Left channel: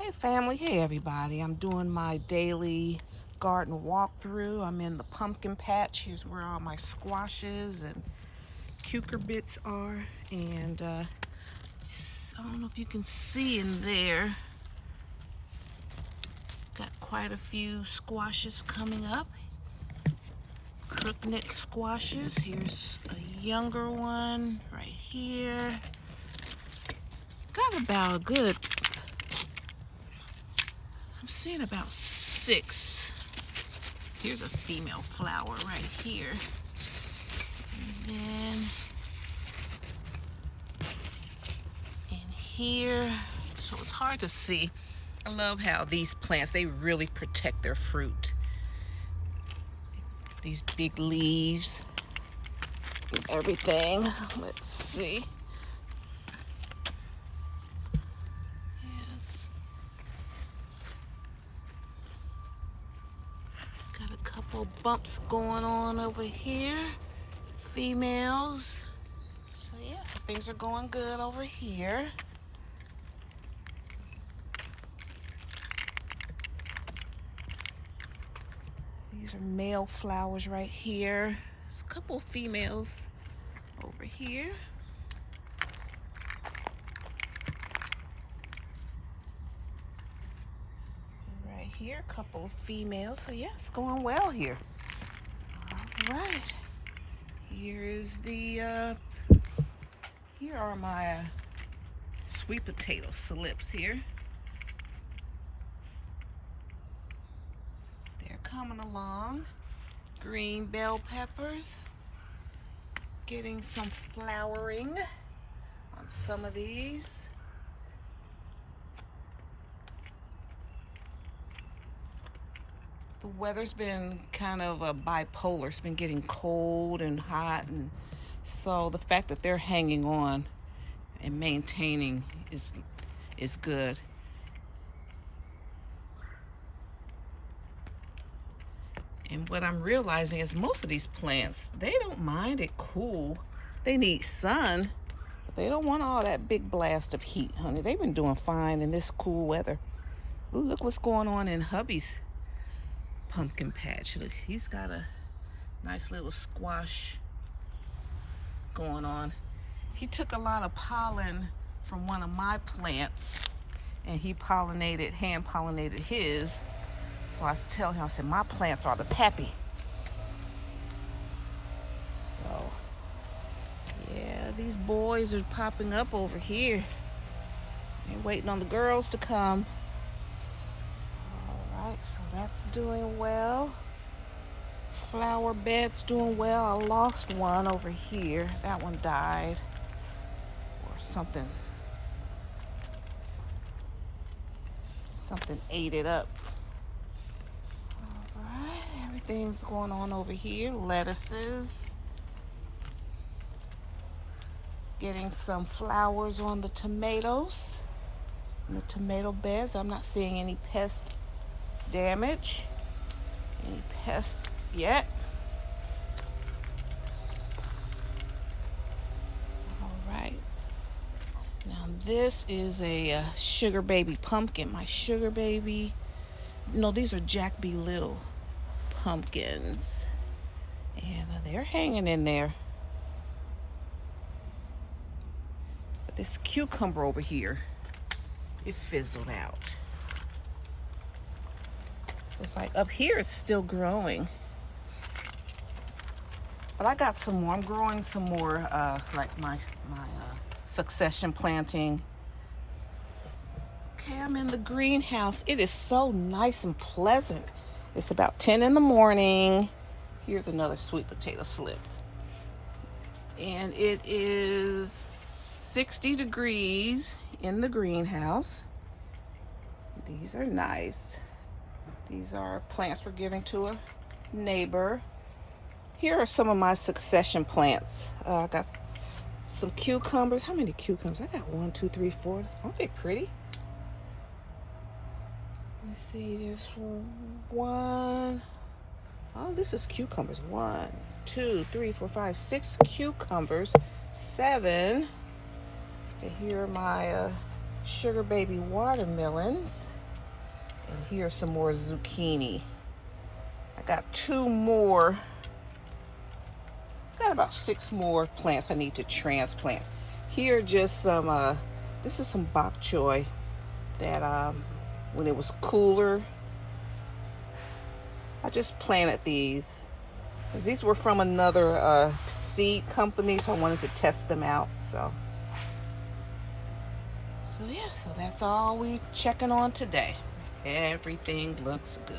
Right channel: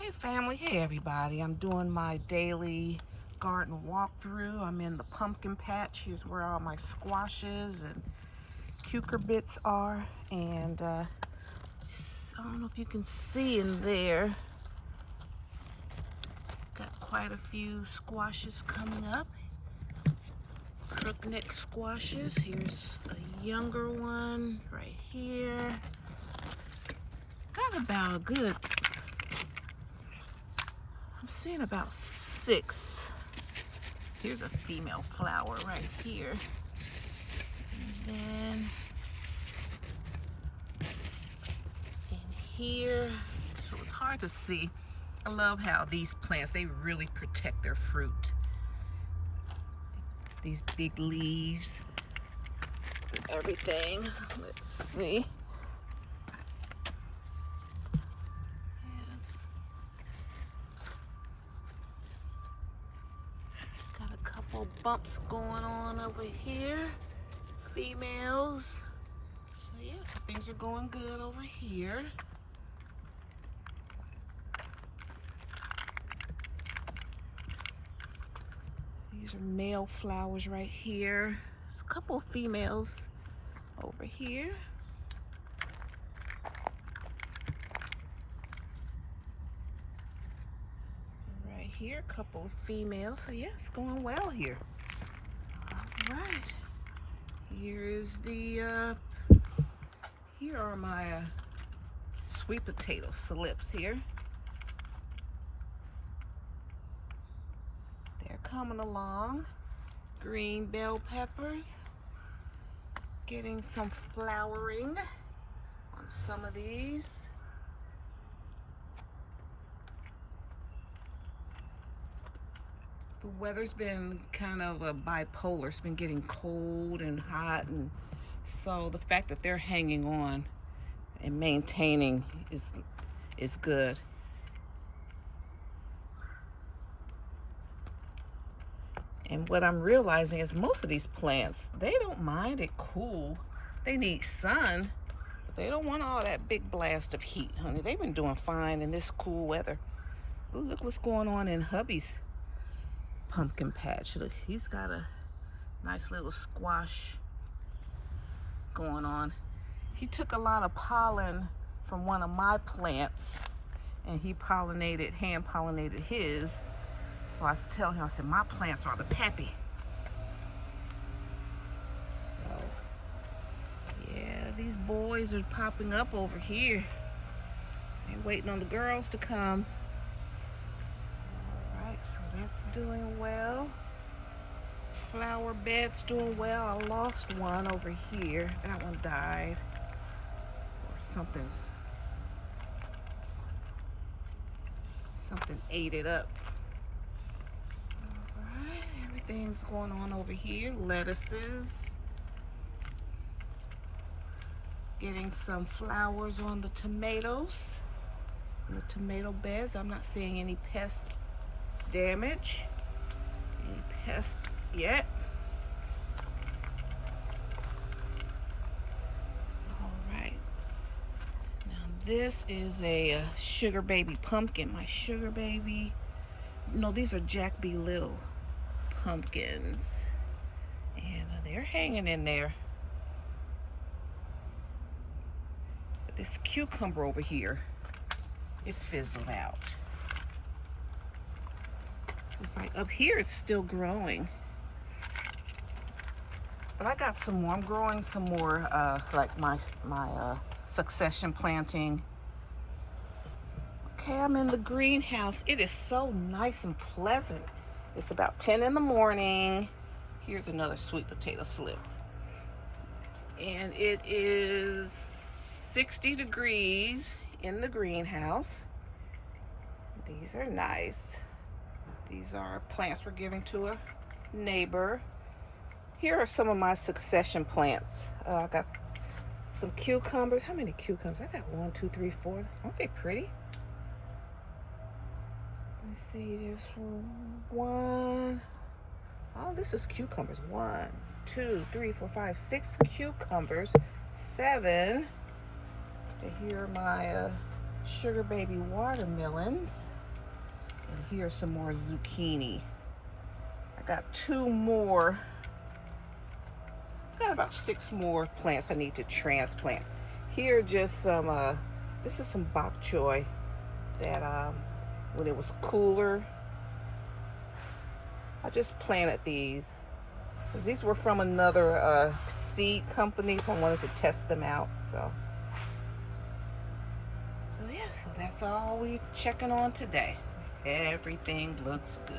Hey family, hey everybody. I'm doing my daily garden walkthrough. I'm in the pumpkin patch. Here's where all my squashes and cucurbits are. And I don't know if you can see in there. Got quite a few squashes coming up. Crookneck squashes. Here's a younger one right here. Got about a good, I'm seeing about 6. Here's a female flower right here. And then in here, so it's hard to see. I love how these plants, they really protect their fruit. These big leaves and everything. Let's see. Yes. Got a couple bumps going on over here. Females. So yeah, so things are going good over here. These are male flowers right here. There's a couple of females over here. Right here, a couple of females. So yeah, it's going well here. All right. Here is the, here are my sweet potato slips here. They're coming along. Green bell peppers. Getting some flowering on some of these. The weather's been kind of bipolar. It's been getting cold and hot, and so the fact that they're hanging on and maintaining is good. And what I'm realizing is most of these plants, they don't mind it cool. They need sun, but they don't want all that big blast of heat, honey. They've been doing fine in this cool weather. Ooh, look what's going on in hubby's pumpkin patch. Look, he's got a nice little squash going on. He took a lot of pollen from one of my plants and he hand pollinated his. So I tell him, I said, my plants are the pappy. So yeah, these boys are popping up over here. They're waiting on the girls to come. So that's doing well. Flower bed's doing well. I lost one over here. That one died or something ate it up. All right, everything's going on over here. Lettuces. Getting some flowers on the tomatoes. The tomato beds. I'm not seeing any pest damage. Any pest yet. All right. Now this is a sugar baby pumpkin. My sugar baby. No, these are Jack B. Little pumpkins. And they're hanging in there. But this cucumber over here, it fizzled out. It's like up here it's still growing. But I got some more. I'm growing some more like my succession planting. Okay, I'm in the greenhouse. It is so nice and pleasant. It's about 10 in the morning. Here's another sweet potato slip. And it is 60 degrees in the greenhouse. These are nice. These are plants we're giving to a neighbor. Here are some of my succession plants. I got some cucumbers. How many cucumbers? I got 1, 2, 3, 4. Aren't they pretty? Let me see, there's one. Oh, this is cucumbers. 1, 2, 3, 4, 5, 6 cucumbers. 7. And here are my sugar baby watermelons. And here's some more zucchini. I got 2 more. Got about 6 more plants I need to transplant. Here are just some, this is some bok choy that when it was cooler, I just planted these. These were from another seed company, so I wanted to test them out. So yeah, so that's all we checking on today. Everything looks good.